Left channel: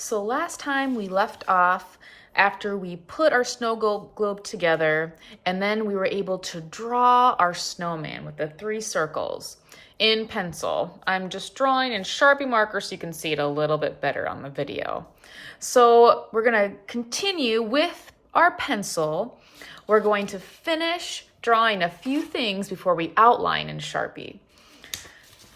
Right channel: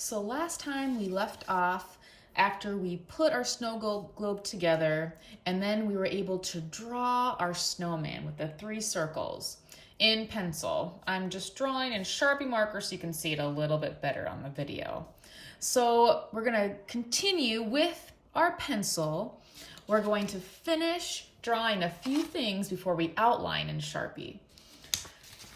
So last time we left off after we put our snow globe together, and then we were able to draw our snowman with the 3 circles in pencil. I'm just drawing in Sharpie marker so you can see it a little bit better on the video. So we're gonna continue with our pencil. We're going to finish drawing a few things before we outline in Sharpie.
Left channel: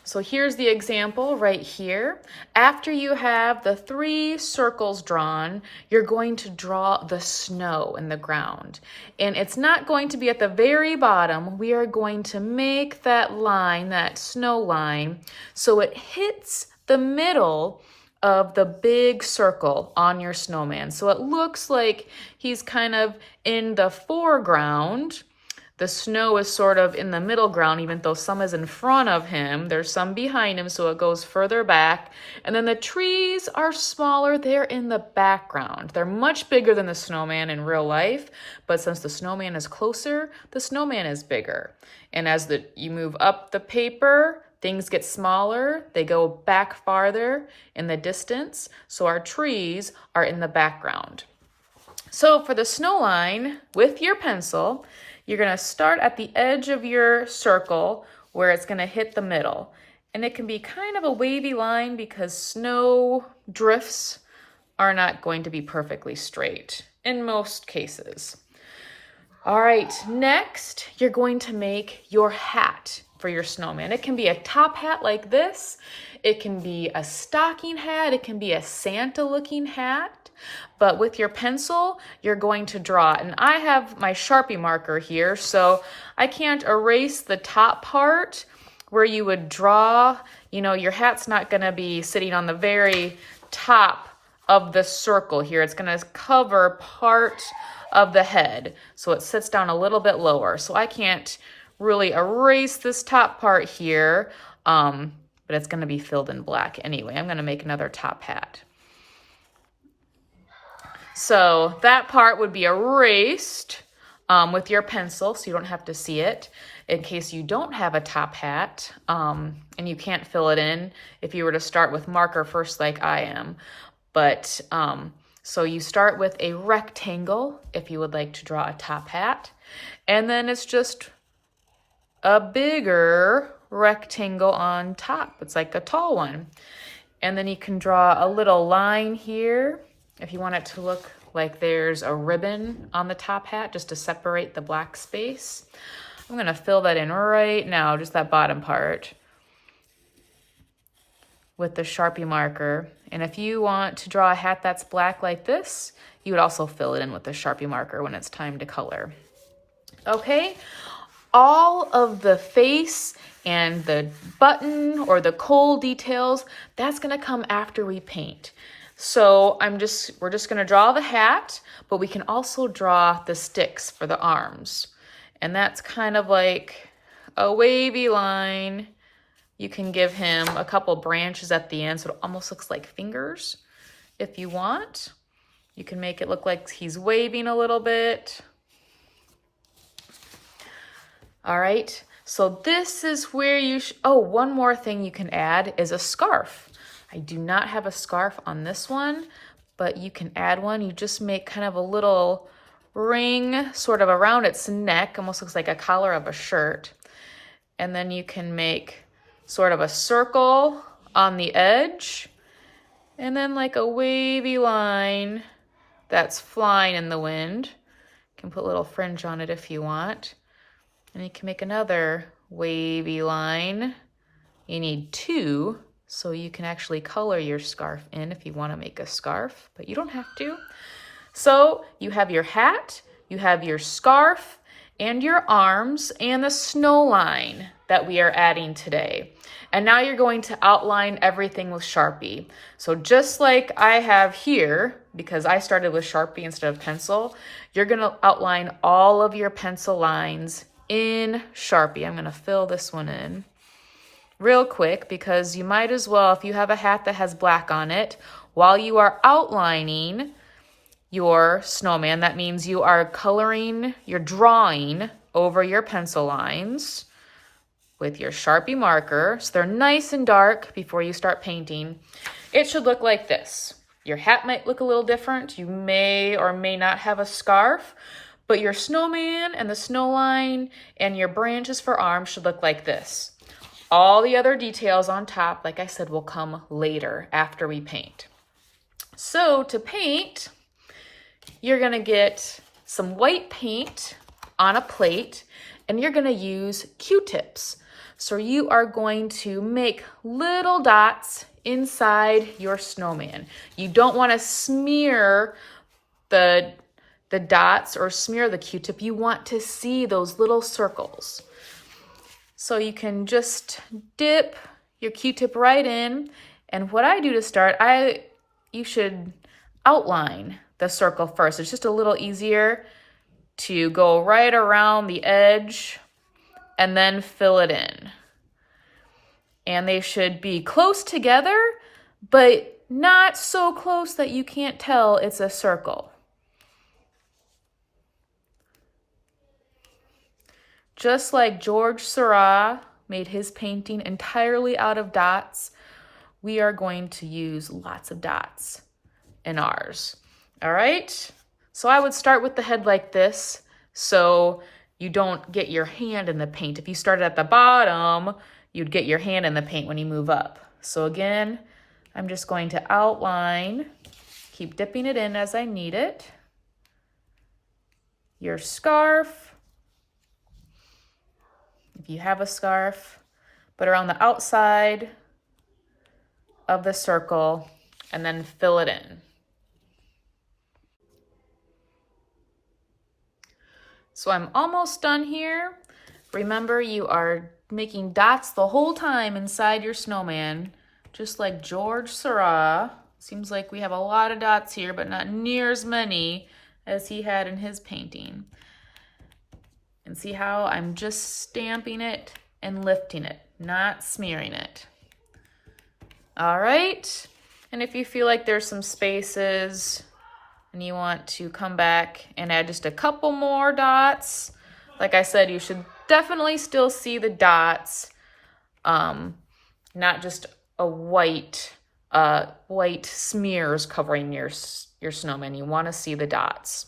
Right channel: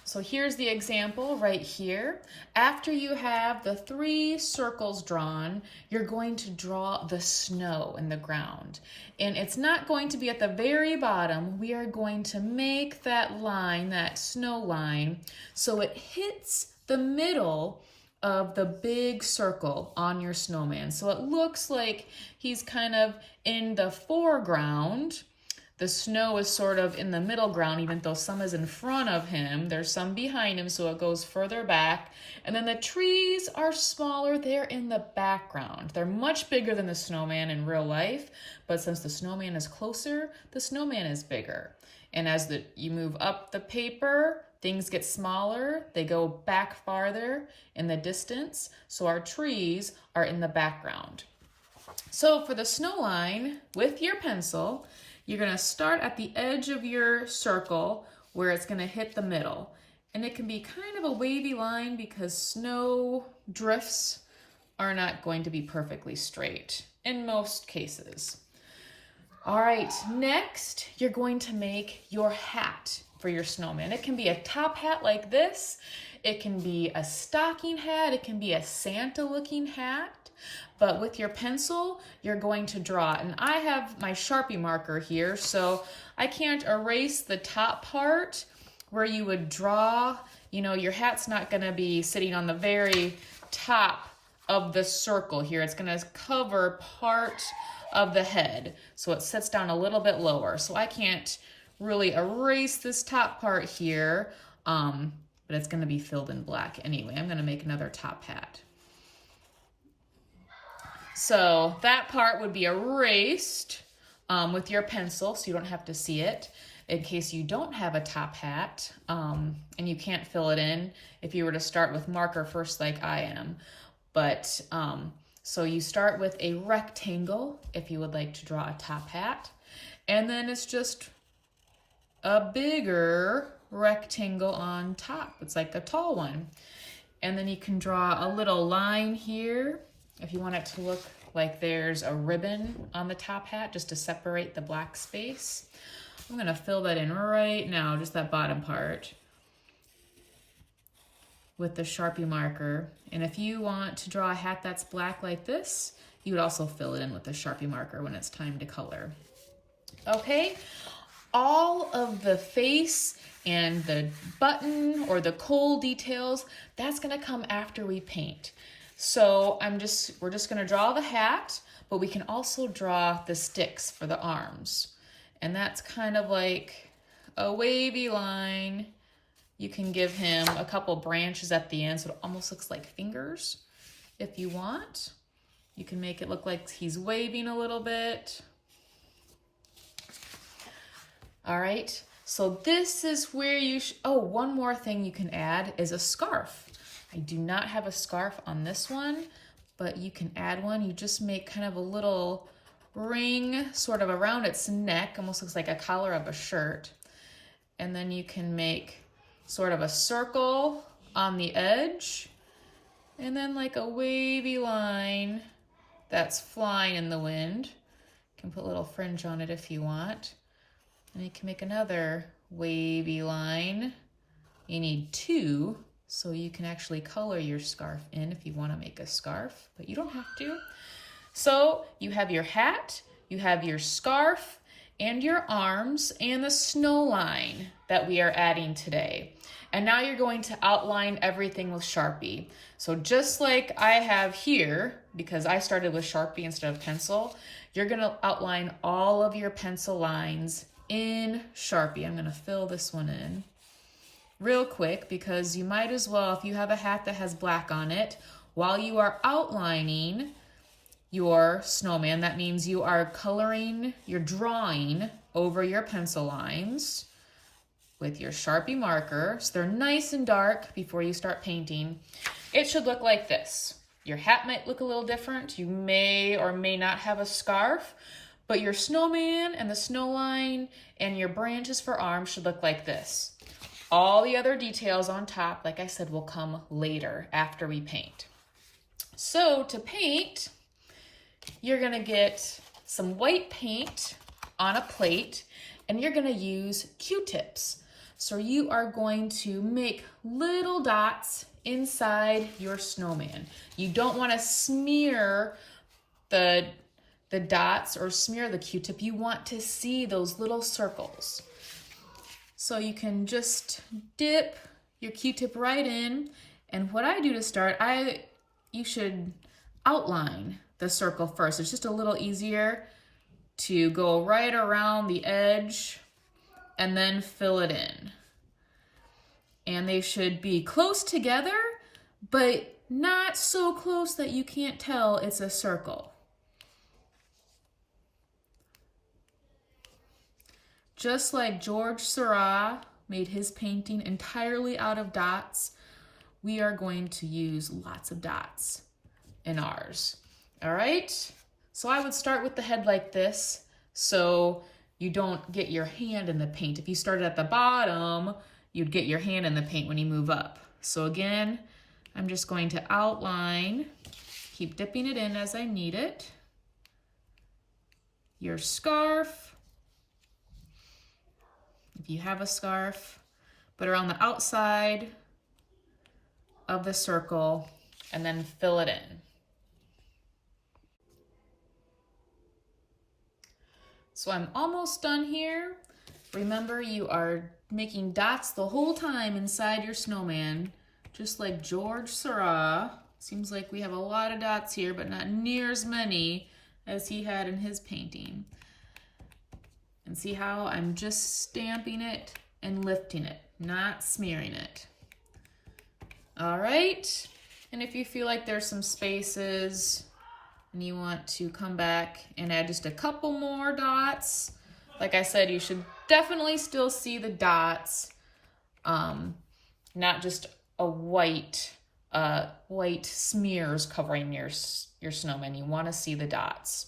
So here's the example right here. After you have the 3 circles drawn, you're going to draw the snow in the ground. And it's not going to be at the very bottom. We are going to make that line, that snow line, so it hits the middle of the big circle on your snowman. So it looks like he's kind of in the foreground. The snow is sort of in the middle ground, even though some is in front of him. There's some behind him, so it goes further back. And then the trees are smaller. They're in the background. They're much bigger than the snowman in real life, but since the snowman is closer, the snowman is bigger. And as you move up the paper, things get smaller. They go back farther in the distance, so our trees are in the background. So for the snow line, with your pencil, you're gonna start at the edge of your circle where it's gonna hit the middle. And it can be kind of a wavy line because snow drifts are not going to be perfectly straight in most cases. All right, next, you're going to make your hat for your snowman. It can be a top hat like this. It can be a stocking hat. It can be a Santa looking hat. But with your pencil, you're going to draw. And I have my Sharpie marker here, so I can't erase the top part where you would draw. You know, your hat's not gonna be sitting on the very top of the circle here. It's gonna cover part of the head, so it sits down a little bit lower. So I can't really erase this top part here, but it's gonna be filled in black anyway. I'm gonna make another top hat. So that part would be erased with your pencil, so you don't have to see it. In case you don't have a top hat and you can't fill it in if you were to start with marker first like I am. But so you start with a rectangle if you would like to draw a top hat. And then it's just a bigger rectangle on top. It's like a tall one. And then you can draw a little line here if you want it to look like there's a ribbon on the top hat just to separate the black space. I'm gonna fill that in right now, just that bottom part, with the Sharpie marker. And if you want to draw a hat that's black like this, you would also fill it in with the Sharpie marker when it's time to color. Okay, all of the face and the button or the coal details, that's gonna come after we paint. So we're just gonna draw the hat, but we can also draw the sticks for the arms. And that's kind of like a wavy line. You can give him a couple branches at the end, so it almost looks like fingers if you want. You can make it look like he's waving a little bit. All right, so this is where oh, one more thing you can add is a scarf. I do not have a scarf on this one, but you can add one. You just make kind of a little ring sort of around its neck, almost looks like a collar of a shirt. And then you can make sort of a circle on the edge, and then like a wavy line that's flying in the wind. You can put a little fringe on it if you want. And you can make another wavy line. You need 2. So you can actually color your scarf in if you want to make a scarf, but you don't have to. So you have your hat, you have your scarf, and your arms, and the snow line that we are adding today. And now you're going to outline everything with Sharpie. So just like I have here, because I started with Sharpie instead of pencil, you're gonna outline all of your pencil lines in Sharpie. I'm gonna fill this one in real quick because you might as well, if you have a hat that has black on it, while you are outlining your snowman, that means you are coloring, you're drawing over your pencil lines with your Sharpie marker. So they're nice and dark before you start painting. It should look like this. Your hat might look a little different. You may or may not have a scarf, but your snowman and the snow line and your branches for arms should look like this. All the other details on top, like I said, will come later after we paint. So to paint, you're gonna get some white paint on a plate and you're gonna use Q-tips. So you are going to make little dots inside your snowman. You don't wanna smear the dots or smear the Q-tip. You want to see those little circles. So you can just dip your Q-tip right in. And what I do to start, you should outline the circle first. It's just a little easier to go right around the edge and then fill it in. And they should be close together, but not so close that you can't tell it's a circle. Just like George Seurat made his painting entirely out of dots, we are going to use lots of dots in ours. All right? So I would start with the head like this so you don't get your hand in the paint. If you started at the bottom, you'd get your hand in the paint when you move up. So again, I'm just going to outline, keep dipping it in as I need it. Your scarf, if you have a scarf, but around the outside of the circle, and then fill it in. So I'm almost done here. Remember, you are making dots the whole time inside your snowman, just like George Seurat. Seems like we have a lot of dots here, but not near as many as he had in his painting. And see how I'm just stamping it and lifting it, not smearing it. All right, and if you feel like there's some spaces and you want to come back and add just a couple more dots, like I said, you should definitely still see the dots, not just a white smears covering your snowman. You want to see the dots.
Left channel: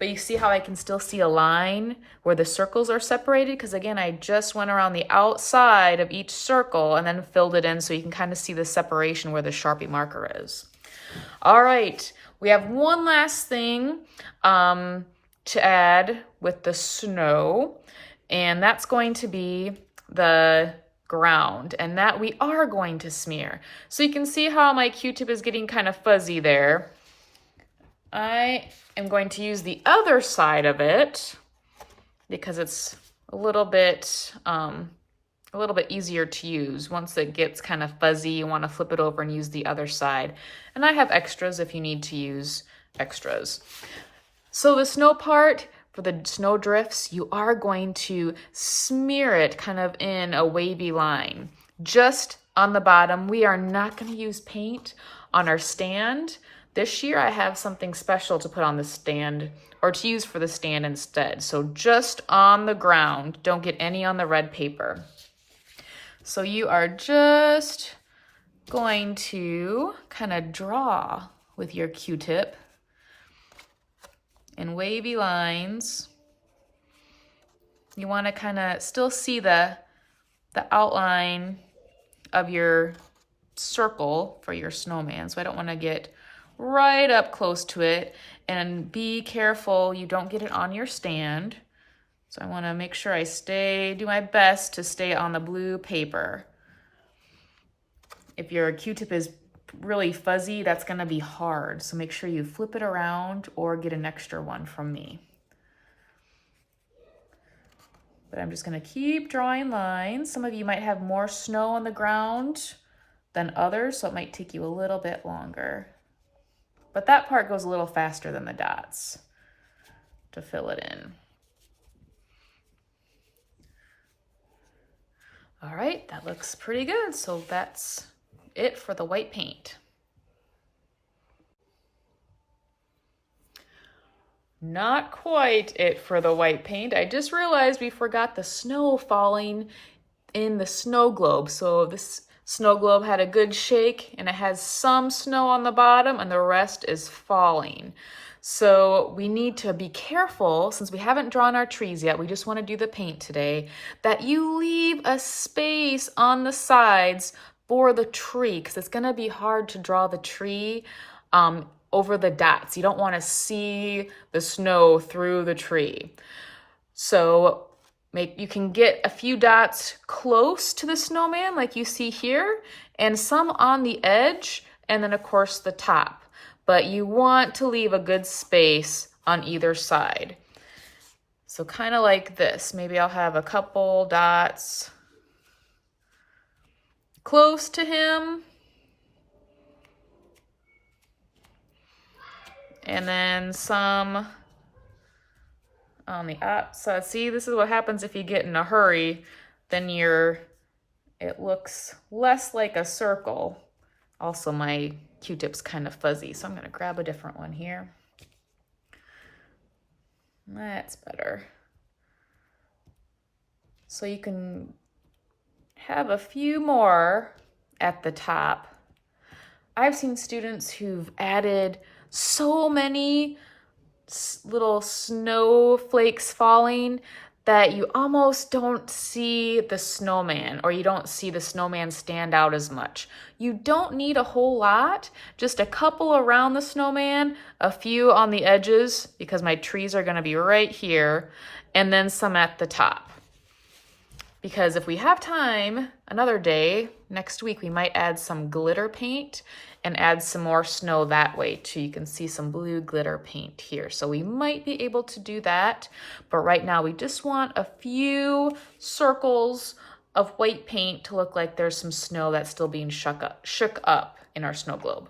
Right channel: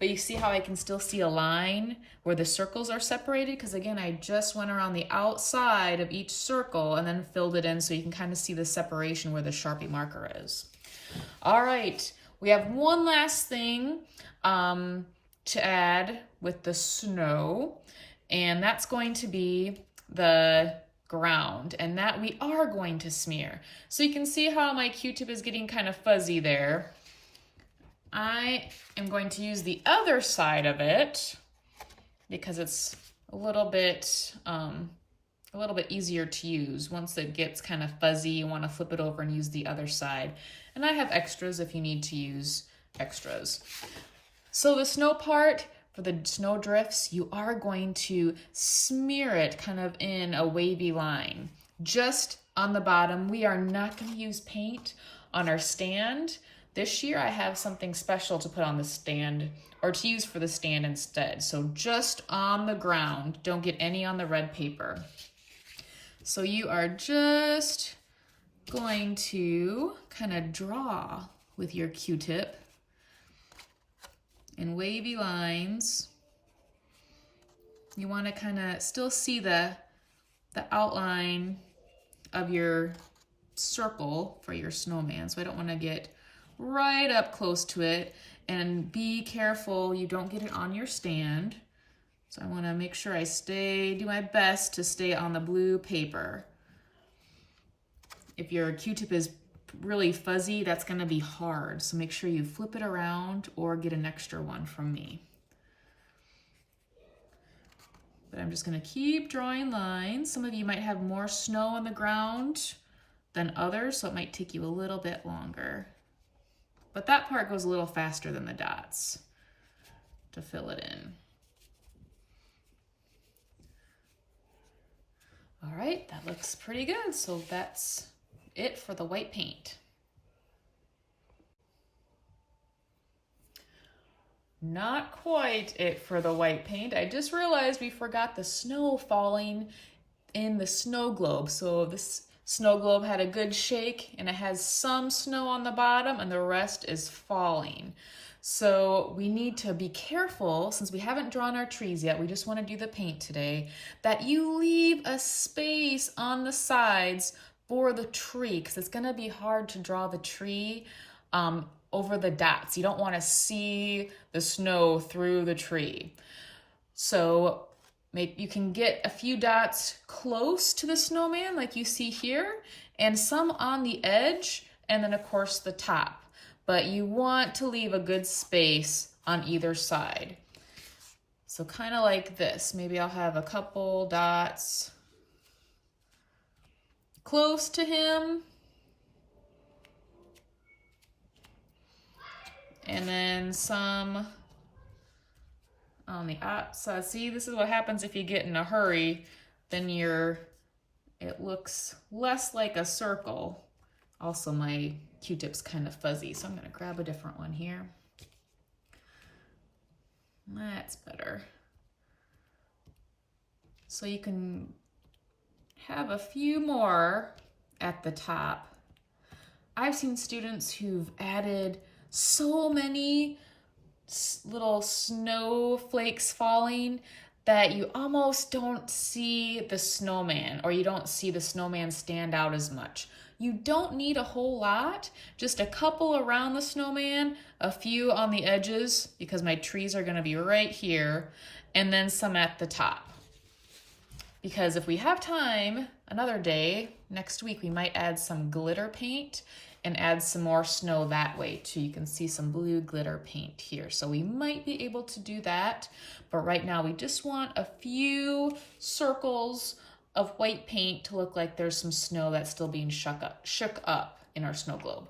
But you see how I can still see a line where the circles are separated? Because again, I just went around the outside of each circle and then filled it in so you can kind of see the separation where the Sharpie marker is. All right, we have one last thing to add with the snow, and that's going to be the ground, and that we are going to smear. So you can see how my Q-tip is getting kind of fuzzy there. I am going to use the other side of it because it's a little bit easier to use. Once it gets kind of fuzzy, you want to flip it over and use the other side. And I have extras if you need to use extras. So the snow part, for the snow drifts, you are going to smear it kind of in a wavy line. Just on the bottom, we are not going to use paint on our stand. This year I have something special to put on the stand, or to use for the stand instead. So just on the ground, don't get any on the red paper. So you are just going to kind of draw with your Q-tip in wavy lines. You want to kind of still see the outline of your circle for your snowman. So I don't want to get right up close to it, and be careful you don't get it on your stand. So I want to make sure I do my best to stay on the blue paper. If your Q-tip is really fuzzy, that's going to be hard. So make sure you flip it around or get an extra one from me. But I'm just going to keep drawing lines. Some of you might have more snow on the ground than others, so it might take you a little bit longer. But that part goes a little faster than the dots to fill it in. All right, that looks pretty good. So that's it for the white paint. Not quite it for the white paint. I just realized we forgot the snow falling in the snow globe. So snow globe had a good shake, and it has some snow on the bottom and the rest is falling. So we need to be careful, since we haven't drawn our trees yet, we just want to do the paint today, that you leave a space on the sides for the tree, because it's going to be hard to draw the tree over the dots. You don't want to see the snow through the tree. So you can get a few dots close to the snowman like you see here, and some on the edge, and then of course the top. But you want to leave a good space on either side. So kind of like this. Maybe I'll have a couple dots close to him. And then some on the outside. See, this is what happens if you get in a hurry. Then it looks less like a circle. Also, my Q-tip's kind of fuzzy, so I'm gonna grab a different one here. That's better. So you can have a few more at the top. I've seen students who've added so many little snowflakes falling that you almost don't see the snowman, or you don't see the snowman stand out as much. You don't need a whole lot, just a couple around the snowman, a few on the edges, because my trees are gonna be right here, and then some at the top. Because if we have time, another day, next week, we might add some glitter paint and add some more snow that way too. You can see some blue glitter paint here. So we might be able to do that, but right now we just want a few circles of white paint to look like there's some snow that's still being shook up in our snow globe.